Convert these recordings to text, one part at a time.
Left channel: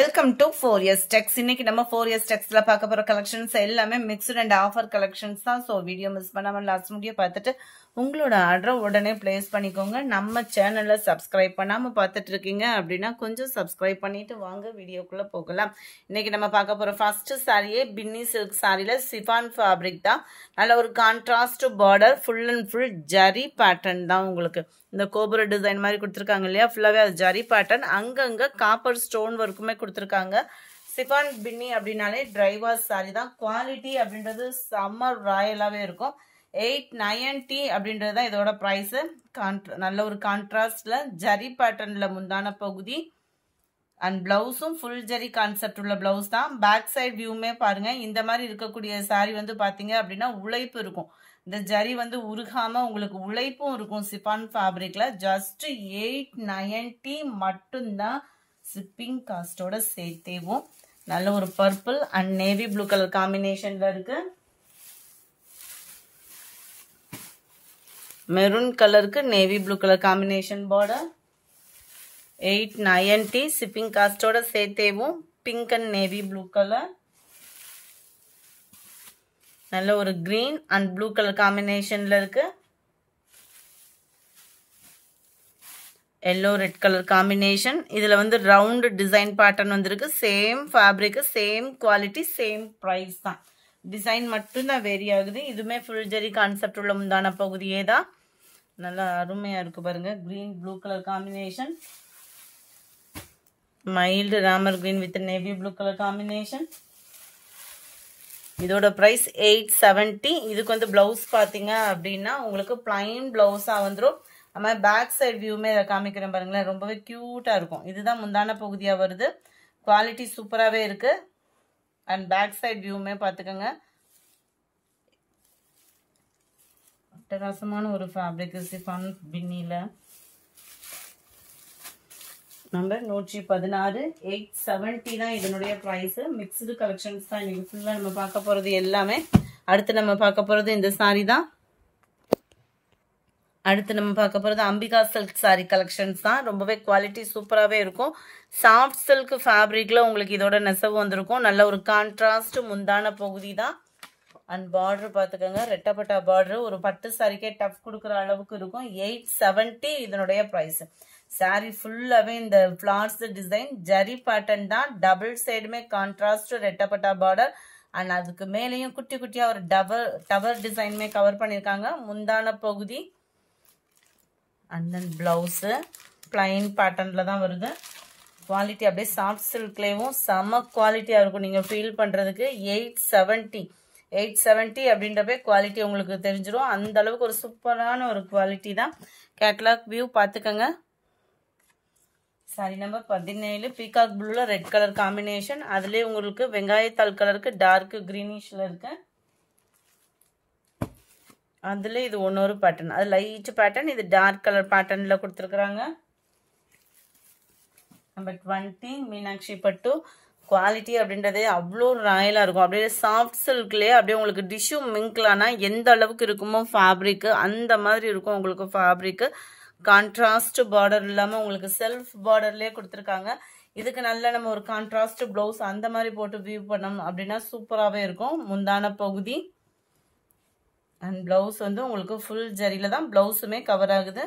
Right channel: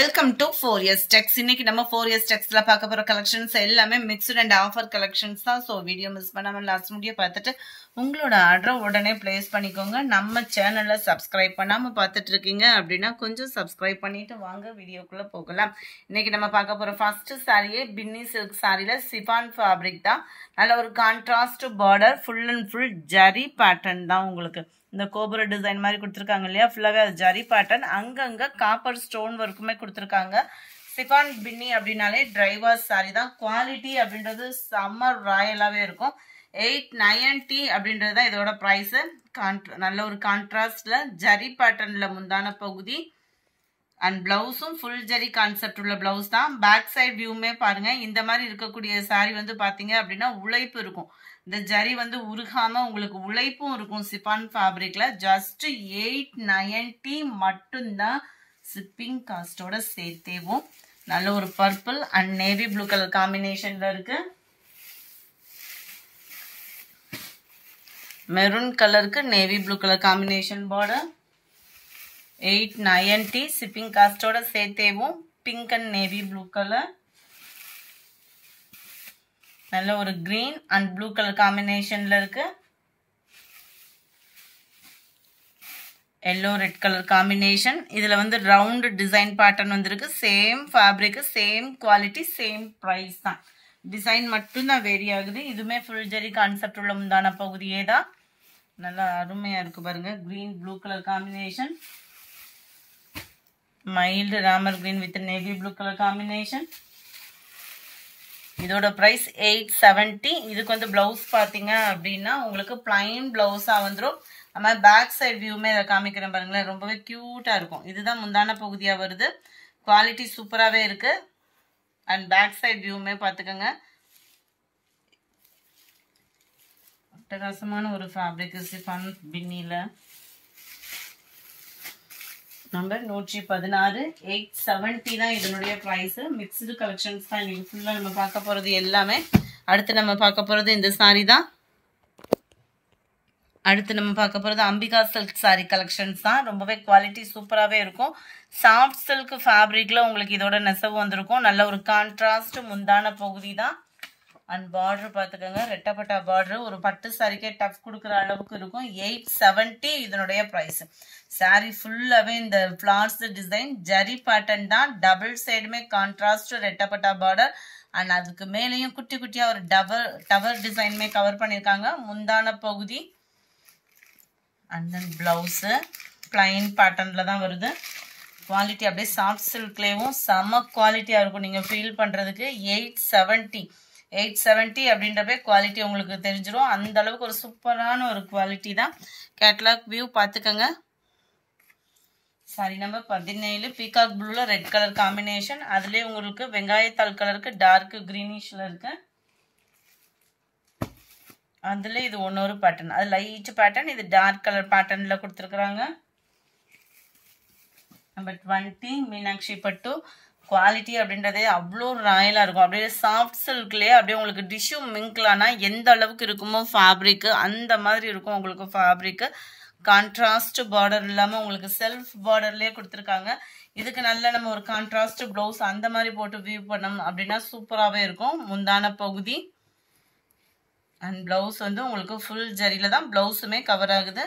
Welcome to 4S Tex. இன்னைக்கு நம்ம 4S Texல பார்க்க போற கலெக்ஷன்ஸ் எல்லாமே மிக்ஸ்டு அண்ட் ஆஃபர் கலெக்ஷன்ஸ் தான். ஸோ வீடியோ மிஸ் பண்ணாம லாஸ்ட் முடிய பார்த்துட்டு உங்களோட ஆர்டர் உடனே பிளேஸ் பண்ணிக்கோங்க. நம்ம சேனலை சப்ஸ்கிரைப் பண்ணாம பார்த்துட்டு இருக்கீங்க அப்படின்னா கொஞ்சம் சப்ஸ்கிரைப் பண்ணிட்டு வாங்க வீடியோக்குள்ள போகலாம். இன்னைக்கு நம்ம பார்க்க போற ஃபர்ஸ்ட் சாரியே பின்னி சில்க் சாரியில சிஃபான் ஃபேப்ரிக் தான். நல்ல ஒரு contrast border, full and full zari pattern தான். உங்களுக்கு இந்த கோபுர டிசைன் மாதிரி கொடுத்துருக்காங்க இல்லையா, ஃபுல்லாகவே அது ஜரி பேட்டர்ன், அங்கங்கே காப்பர் ஸ்டோன் ஒர்க்குமே கொடுத்துருக்காங்க. சிஃபான் பின்னி அப்படின்னாலே டிரைவர்ஸ் சாரி தான். குவாலிட்டி அப்படின்றது செம்ம ராயலாகவே இருக்கும். 890 அப்படின்றது தான் இதோட ப்ரைஸு. நல்ல ஒரு கான்ட்ராஸ்டில் ஜரி பேட்டர்னில் முந்தான பகுதி அண்ட் பிளவுஸும் ஃபுல் ஜரி கான்செப்ட் உள்ள பிளவுஸ் தான். பேக் சைட் வியூமே பாருங்க. இந்த மாதிரி இருக்கக்கூடிய சாரி வந்து பார்த்தீங்க அப்படின்னா உழைப்பு இருக்கும். இந்த ஜரி வந்து உருகாம உங்களுக்கு உழைப்பும் இருக்கும். சிஃபான் ஃபேப்ரிக்ல ஜஸ்ட் 890 மட்டும்தான் ஷிப்பிங் காஸ்டோட சேர்த்தேவும். நல்ல ஒரு purple and navy blue colour காம்பினேஷன்ல இருக்கு. மெரூன் கலருக்கு navy blue colour combination border. 890 shipping காஸ்டோட சேர்த்தேவும். Pink and navy blue colour. நல்ல ஒரு கிரீன் அண்ட் ப்ளூ கலர் காம்பினேஷன்ல இருக்கு. Yellow red colour combination. இதுல வந்து ரவுண்ட் டிசைன் பேட்டர்ன் வந்திருக்கு. Same fabric, same quality, same price தான். டிசைன் மட்டும்தான் வேரி ஆகுது. இதுவுமே ஃபுல் ஜெரி கான்செப்ட் உள்ள முந்தான பகுதியே தான். நல்லா அருமையா இருக்கு பாருங்க. Green blue colour combination. Mild Ramar green with navy blue colour combination. இதோட பிரைஸ் 870. இதுக்கு வந்து பிளவுஸ் பாத்தீங்க அப்படின்னா உங்களுக்கு பிளைன் பிளவுஸா வந்துடும். நம்ம பேக் சைட் வியூமே இதை காமிக்கிறேன் பாருங்களேன். ரொம்பவே கியூட்டா இருக்கும். இதுதான் முந்தான பகுதியா வருது. குவாலிட்டி சூப்பராகவே இருக்கு. அண்ட் பேக் சைட் வியூமே பார்த்துக்கோங்க. அட்டகாசமான ஒரு ஃபேப்ரிக் சிஃபான் பின்னில. நம்பர் 116. 870 தான் இதனுடைய ப்ரைஸ். மிக்ஸ்டு கலெக்ஷன்ஸ் தான் இன்னைக்கு ஃபுல்லாக நம்ம பார்க்க போகிறது எல்லாமே. அடுத்து நம்ம பார்க்க போகிறது இந்த சாரி தான். அடுத்து நம்ம பார்க்க போகிறது அம்பிகா சில்க் சாரி கலெக்ஷன்ஸ் தான். ரொம்பவே குவாலிட்டி சூப்பராகவே இருக்கும். சாஃப்ட் சில்க் ஃபேப்ரிக்ல உங்களுக்கு இதோட நெசவு வந்திருக்கும். நல்ல ஒரு கான்ட்ராஸ்ட் முந்தான பகுதி தான். அண்ட் பார்டர் பார்த்துக்கோங்க. ரெட்டப்பட்டா பார்டர். ஒரு பட்டு சாரிக்கே டஃப் கொடுக்குற அளவுக்கு இருக்கும். 870 இதனுடைய ப்ரைஸ். சாரி ஃபுல்லாகவே இந்த ஃப்ளார்ஸ் டிசைன் ஜரி பேட்டர்ன் தான். டபுள் சைடுமே கான்ட்ராஸ்ட் ரெட்டப்பட்டா பார்டர் அண்ட் அதுக்கு மேலேயும் குட்டி குட்டியாக ஒரு டவர் டிசைனுமே கவர் பண்ணியிருக்காங்க. முந்தான பகுதி அண்ட் தென் பிளவுஸு பிளைன் பேட்டர்ன்ல தான் வருது. குவாலிட்டி அப்படியே சாஃப்ட் சில்க்லேயும் செம்ம குவாலிட்டியாக இருக்கும். நீங்கள் ஃபீல் பண்ணுறதுக்கு 870 அப்படின்றப்பே குவாலிட்டி உங்களுக்கு தெரிஞ்சிடும். அந்த அளவுக்கு ஒரு சூப்பரான ஒரு குவாலிட்டி தான். கேட்லாக் வியூ பார்த்துக்கோங்க. சாரி நம்பர் 17. பீகாக் ப்ளூல ரெட் கலர் காம்பினேஷன். அதுலேயே உங்களுக்கு வெங்காயத்தாள் கலருக்கு டார்க் கிரீனிஷ்ல இருக்கு. அதுல இது ஒன்னொரு பேட்டர்ன். அது லைட் பேட்டர்ன், இது டார்க் கலர் பேட்டர்ன்ல கொடுத்துருக்குறாங்க. நம்பர் 20 மீனாட்சி பட்டு. குவாலிட்டி அப்படின்றதே அவ்வளோ ராயலாக இருக்கும். அப்படியே சாஃப்ட் சில்க்லேயே அப்படியே உங்களுக்கு டிஷ்யூ மிங்க்லானா எந்த அளவுக்கு இருக்குமோ ஃபேப்ரிக்கு அந்த மாதிரி இருக்கும் உங்களுக்கு ஃபேப்ரிக்கு. கான்ட்ராஸ்ட் பார்டர் இல்லாமல் உங்களுக்கு செல்ஃப் பார்டர்லேயே கொடுத்துருக்காங்க. இதுக்கு நல்ல நம்ம ஒரு கான்ட்ராஸ்ட் ப்ளவுஸ் அந்த மாதிரி போட்டு வியூ பண்ணோம் அப்படின்னா சூப்பராகவே இருக்கும். முந்தான பகுதி அண்ட் பிளவுஸ் வந்து உங்களுக்கு ஃபுல் ஜரியில தான் பிளவுஸுமே கவர் ஆகுது.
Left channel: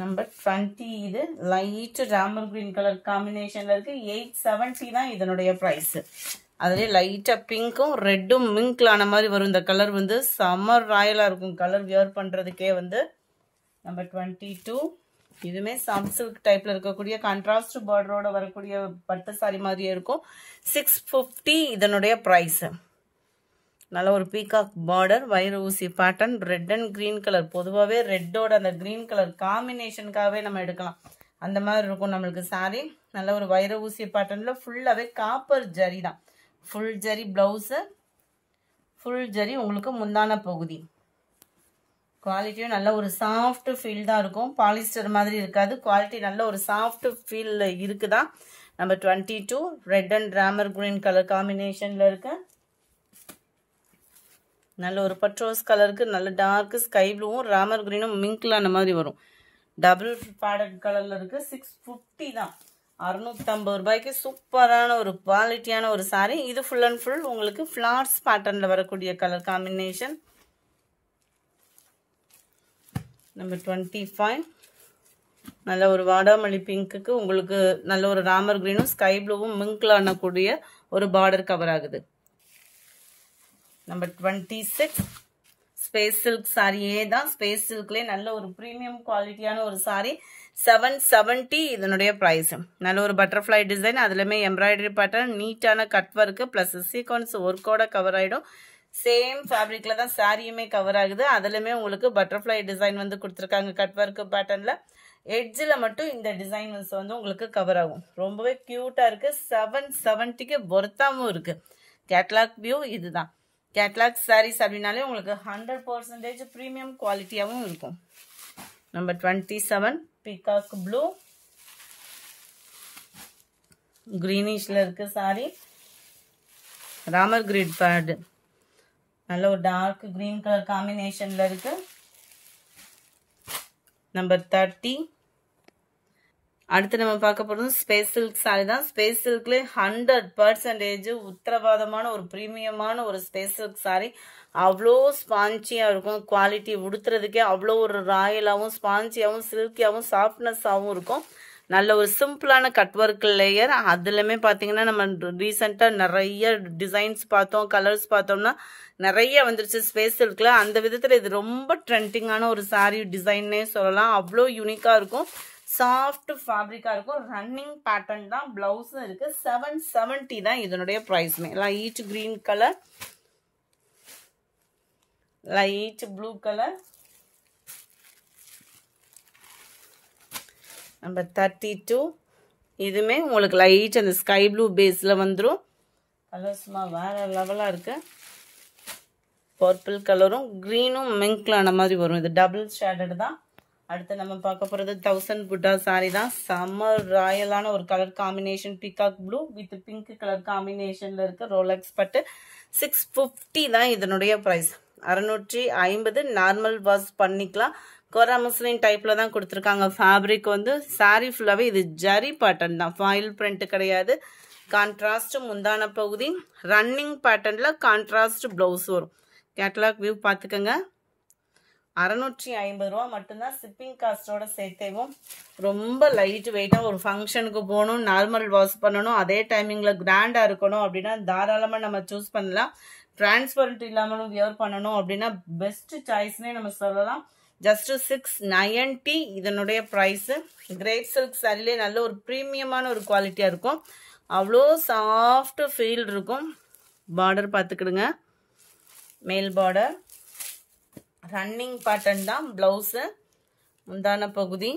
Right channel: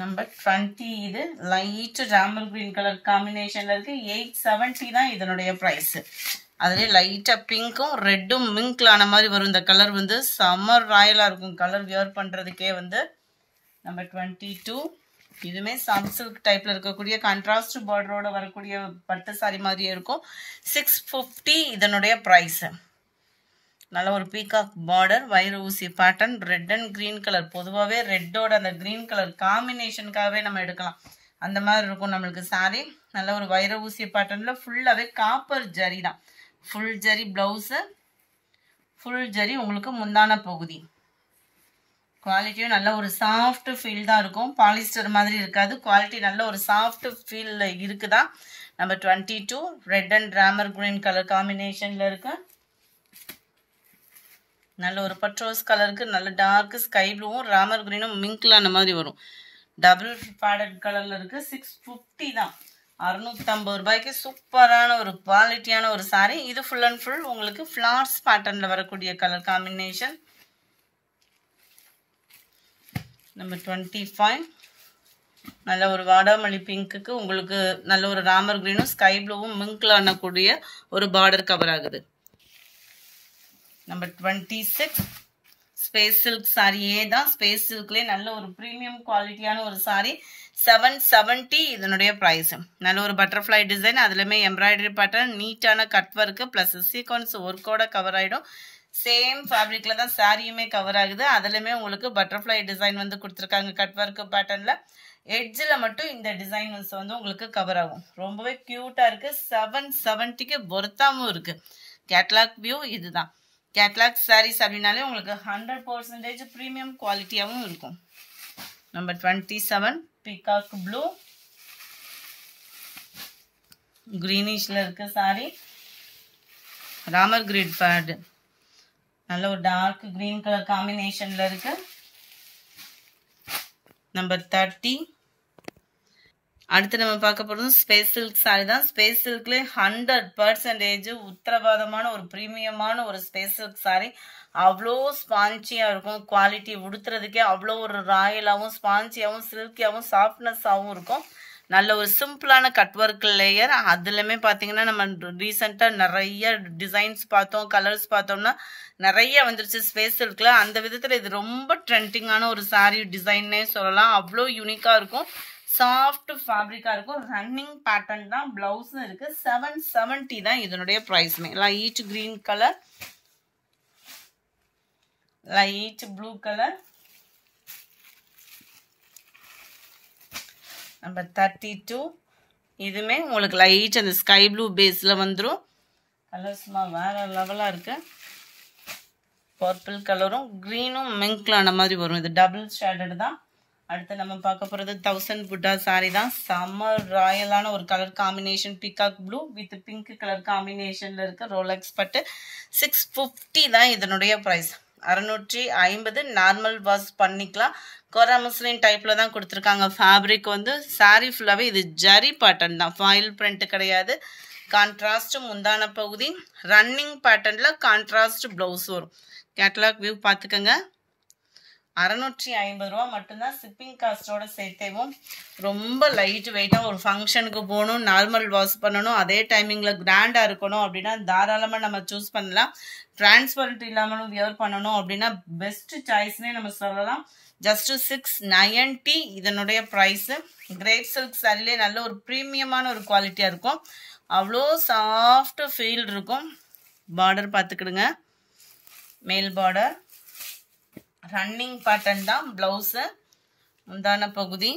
நம்பர் 20. இது லைட் ராமர் கிரீன் கலர் காம்பினேஷன்ல இருக்கு. 870 தான் இதனுடைய பிரைஸ். அதுலேயே லைட்டாக பிங்க்கும் ரெட்டும் மிங்க்லான மாதிரி வரும். இந்த கலர் வந்து சம்மர் ராயலாக இருக்கும். கலர் வியர் பண்ணுறதுக்கே வந்து. நம்பர் 22. இதுவுமே சாஃப்ட் சில்க் டைப்ல இருக்கக்கூடிய கான்ட்ராஸ்ட் பார்டரோட வரக்கூடிய பட்டு சாரி மாதிரியே இருக்கும். 650 இதனுடைய ப்ரைஸ். நல்ல ஒரு பீகாக் பார்டர், வைர ஊசி pattern, red and green colour. பொதுவாகவே ரெட்டோட அந்த கிரீன் கலர் காம்பினேஷனுக்காகவே நம்ம எடுக்கலாம். அந்த மாதிரி இருக்கும் நம்மளுக்கு சாரி. நல்ல ஒரு வைர ஊசி பேட்டர்ன்ல ஃபுல்லாகவே காப்பர் ஜரி தான். Full zari blouse, full zari உங்களுக்கு முந்தான பகுதி. குவாலிட்டியும் நல்ல ஒரு சாஃப்ட் ஃபீல் தான் இருக்கும். பாலிஸ்டர் மாதிரி இருக்காது. குவாலிட்டி நல்ல ஒரு சாஃப்ட் ஃபீல் இருக்குதா. Number 22 red and Ramar green colour காம்பினேஷன்ல இருக்கு. நல்ல ஒரு பட்ரோஸ் கலருக்கு நல்ல டார்க் ஸ்கை ப்ளூவும் ராமர் கிரீனும் மிங்க்லான மாதிரி வரும். டபுள் பேடட் கலர்ல இருக்கு. 650 தான். 650 ரூபாய்க்கு சூப்பரான ஒரு குவாலிட்டியான ஒரு சாரி. இது ஃபுல் அண்ட் ஃபுல் உங்களுக்கு ஃபிளார்ஸ் பேட்டர்ன்ல வரக்கூடிய கலர் காம்பினேஷன். நம்பர் 25 நல்ல ஒரு வாடாமல்லி பிங்க்குக்கு உங்களுக்கு நல்ல ஒரு ராமர் கிரீனும் ஸ்கை ப்ளூவும் மிங்க்ல ஆனக்கூடிய ஒரு பார்டர் கவர் ஆகுது. நம்பர் 26 ஸ்பேஸ் சில்க் சாரியே தான். ஸ்பேஸ் சில்க்லேயே நல்ல ஒரு ப்ரீமியம் குவாலிட்டியான ஒரு சாரி. 770 இதனுடைய ப்ரைஸ். நல்ல ஒரு பட்டர்ஃப்ளை டிசைன், அதுலேயுமே எம்ப்ராய்டரி பேட்டர்ன், நீட்டான கட் ஒர்க்கு ப்ளஸ் சீக்வன்ஸ் ஒர்க்கோட கவர் ஆகிடும். சேம் ஃபேப்ரிக்ல தான் சாரியுமே கவர் ஆகுது. அதுலேயுமே உங்களுக்கு பட்டர்ஃப்ளை டிசைன் வந்து கொடுத்துருக்காங்க கட் ஒர்க்கு பேட்டர்னில். எட்ஜில் மட்டும் இந்த டிசைன்ஸ் வந்து உங்களுக்கு கவர் ஆகும். ரொம்பவே க்யூட்டாக இருக்குது. 770க்கு பொருத்தாமும் இருக்குது. கேட்லாக் வியூ இதுதான். கேட்லாக் சாரீஸ் அப்படின்னாலே உங்களுக்கு 100% ப்ரீமியம் குவாலிட்டியாகவும் இருக்கும். நம்பர் 27 பீகாக் ப்ளூ கிரீனிஷ்ல இருக்கு சாரி. ராமர் கிரிட் பேட் நல்ல ஒரு டார்க் கிரீன் கலர் காம்பினேஷன்ல இருக்கு. நம்பர் 30 அடுத்து நம்ம பார்க்க போகிறது ஸ்பேஸ் சில்க் சாரி தான். ஸ்பேஸ் சில்க்லேயே 100% உத்தரவாதமான ஒரு ப்ரீமியமான ஒரு ஸ்பேஸ் சில்க் சாரி. அவ்வளோ ஸ்பான்ச்சியாக இருக்கும். குவாலிட்டி உடுத்துறதுக்கே அவ்வளோ ஒரு ராயலாகவும் ஸ்பான்ச்சியாகவும் சில்கியாகவும் சாஃப்ட்னஸாகவும் இருக்கும். நல்ல ஒரு சிம்பிளான கட் ஒர்க் லேயர். அதுலேயுமே பார்த்தீங்கன்னா நம்ம ரீசெண்டாக நிறைய டிசைன்ஸ் பார்த்தோம், கலர்ஸ் பார்த்தோம்னா நிறைய வந்துருச்சு ஸ்பேஸ் சில்கில். அந்த விதத்தில் இது ரொம்ப ட்ரெண்டிங்கான ஒரு சாரி டிசைன்னே சொல்லலாம். அவ்வளோ யூனிக்காக இருக்கும். சாஃப்ட் ஃபேப்ரிக்கா இருக்கும். ரன்னிங் பேட்டர்ன் தான். பிளவுஸும் இருக்கு. 770 தான் இதனுடைய பிரைஸ்மே. Light green colour, light blue colour. Number 32 இதுமே உங்களுக்கு லைட் அந்த ஸ்கை ப்ளூ பேஸ்ல வந்துடும். கலர்ஸ்மா வேற லெவலா இருக்கு. பர்பிள் கலரும் கிரீனும் மிங்க்லான மாதிரி வரும். இது டபுள் ஷேடட் தான். அடுத்து நம்ம பார்க்க போகிறது 1000 புட்டா சாரி தான். சம்மர் ராயலான ஒரு colour combination. Peacock blue with pink colour காம்பினேஷன்ல இருக்கு. ரோலக்ஸ் பட்டு. 650 தான் இதனுடைய ப்ரைஸ். 650 நார்மல் வாஷ் பண்ணிக்கலாம். கொரா முஸ்லிம் டைப்ல தான் கொடுத்துருக்காங்க. ஃபேப்ரிக் வந்து சாரி ஃபுல்லாகவே இது ஜரி பேட்டர்ன் தான். ஃபாயில் பிரிண்ட் கிடையாது. கான்ட்ராஸ்ட் முந்தான பகுதி. ரன்னிங் பேட்டர்ன்ல கான்ட்ராஸ்ட் பிளவுஸ் வரும். கேட்டலாக் வியூ பார்த்துக்கோங்க. 650 ரூபா மட்டும்தான். ஷிப்பிங் காஸ்டோட சேர்த்தேவும். ரொம்ப லைட் வெயிட்டாக ஒரு ஃபங்க்ஷனுக்கு போகணும், நார்மல் வாஷ் பண்ணணும், அதே டைமிங்கில் கிராண்டாக இருக்கணும் அப்படின்னா தாராளமாக நம்ம சூஸ் பண்ணலாம். டிரான்ஸ்பரண்ட் இல்லாமலும் வியர் பண்ணணும் அப்படின்னா பெஸ்ட் சாய்ஸ்னே நம்ம சொல்லலாம். ஜஸ்ட் 690 இதனுடைய ப்ரைஸு. கிரேப் சில்க் சாரிலே நல்ல ஒரு ப்ரீமியமான ஒரு குவாலிட்டியாக இருக்கும். அவ்வளோ சாஃப்ட் ஃபீல் இருக்கும். பார்டர் பார்த்துக்கிடுங்க. மேல் பார்டர் ரன்னிங் பேட்டர்ன் தான். பிளவுஸு முந்தான பகுதி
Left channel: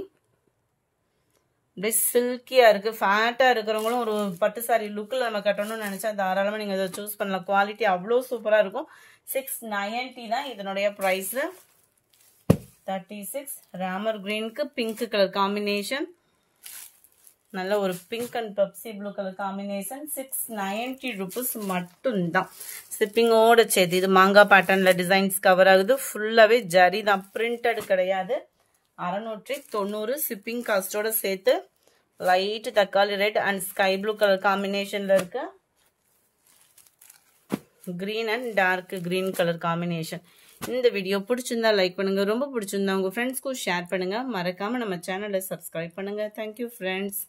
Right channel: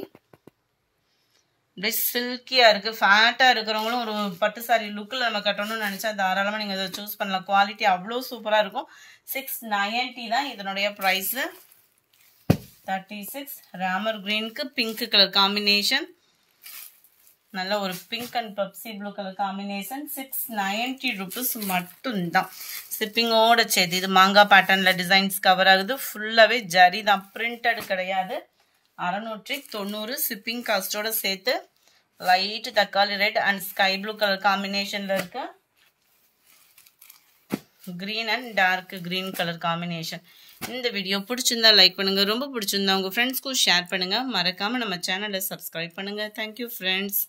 சில்கியா இருக்கு. ஃபேட்டா இருக்கிறவங்களும் ஒரு பட்டு சாரி லுக்கில் நம்ம கட்டணும்னு நினைச்சா தாராளமாக நீங்கள் அதை சூஸ் பண்ணலாம். குவாலிட்டி அவ்வளோ சூப்பராக இருக்கும். 690 தான் இதனுடைய ப்ரைஸு. 36 ராமர் கிரீனுக்கு பிங்க் கலர் காம்பினேஷன். நல்ல ஒரு pink and Pepsi blue colour combination. 690 rupees மட்டும்தான். ஷிப்பிங்கோட சேர்த்து. இது மாங்காய் பேட்டர்னில் டிசைன்ஸ் கவர் ஆகுது. ஃபுல்லாகவே ஜரி தான், பிரிண்டட் கிடையாது. 690 ஷிப்பிங் காஸ்டோட சேர்த்து. லைட் தக்காளி red and sky blue colour காம்பினேஷனில் இருக்கு. Green and dark green colour combination. இந்த வீடியோ பிடிச்சிருந்தா லைக் பண்ணுங்கள். ரொம்ப பிடிச்சிருந்தா உங்கள் ஃப்ரெண்ட்ஸ்க்கும் ஷேர் பண்ணுங்கள். மறக்காமல் நம்ம சேனலை சப்ஸ்கிரைப் பண்ணுங்கள். Thank you friends.